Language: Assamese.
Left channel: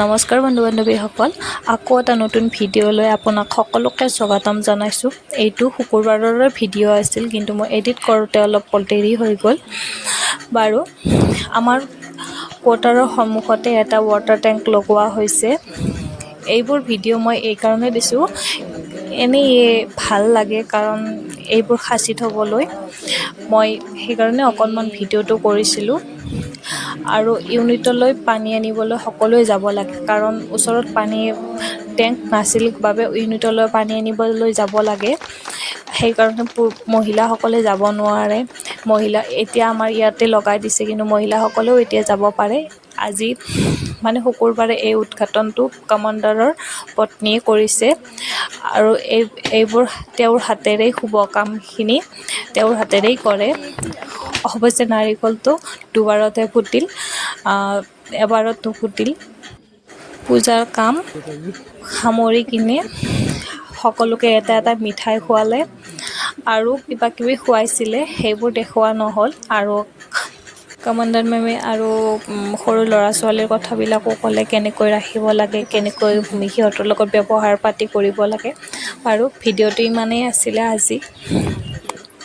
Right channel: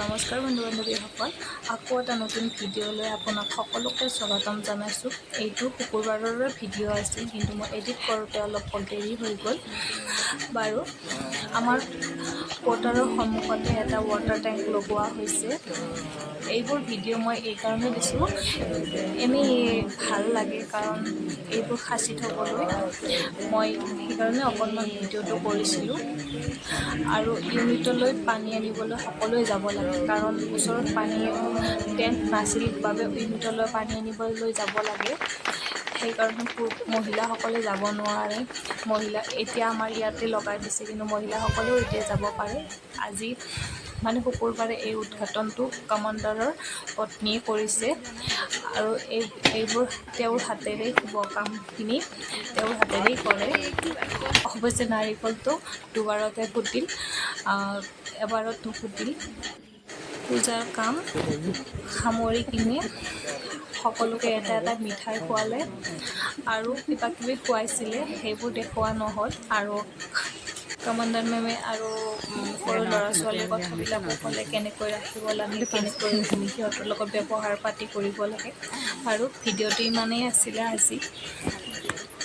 নমস্কাৰ বন্ধু বান্ধৱীসকল, আকৌ এটা নতুন ভিডিঅ'লৈ আপোনাক সকলোকে স্বাগতম জনাইছোঁ। এইটো শুকুৰবাৰৰে ভিডিঅ' আছিল, কিন্তু মই এডিট কৰোঁতে অলপ দেৰি হৈ গ'ল। বাৰু, আমাৰ কোৱাৰ্টাৰৰ সন্মুখতে এটা ৱাটাৰ টেংক লগোৱা হৈছে। এইবোৰ ভিডিঅ' মই এইকাৰণে দিছোঁ, এনেই ভাল লাগে, কাৰণ এইবোৰ সাঁচি থ'বলৈ মই সেইকাৰণে অকণমান ভিডিঅ'টো কৰিছিলোঁ। আৰু ইউনিটলৈ পানী আনিবলৈ সকলোৱে যাব লাগে, কাৰণ ওচৰত পানী টেংক নাছিল বাবে ইউনিটলৈ পানী আনিবলৈ যাব লাগে। সেইকাৰণে মহিলাসকলে যাব নোৱাৰে। এতিয়া আমাৰ ইয়াতে লগাই দিছে, কিন্তু মহিলাসকলেও এতিয়া যাব পাৰে। আজি মানে শুকুৰবাৰে এই উদ্ঘাটনটো কমাণ্ডাৰৰ পত্নীয়ে কৰিছে, আৰু এইবোৰ তেওঁৰ হাতেৰেই শুভ কামখিনি তেওঁৰ হাতেৰেই কৰে। অৱশ্যে নাৰিকলটো দুবাৰতে ফুটিল, এবাৰত নুফুটিল। পূজাৰ কাম সামৰি কিনে সকলোকে এটা এটা মিঠাই খোৱালে আৰু কিবা কিবি খুৱাইছিলে, সেইবোৰ দেখুওৱা নহ'ল। আৰু কমাণ্ডাৰ মেমে আৰু সৰু ল'ৰা ছোৱালীৰ কথাবিলাকো ক'লে, কেনেকৈ ৰাখিব লাগে, কেনেকৈ সিহঁতৰ লগত ব্যৱহাৰ পাতি কৰিব লাগে। আৰু ভিডিঅ'টো ইমানেই আছিলে আজি।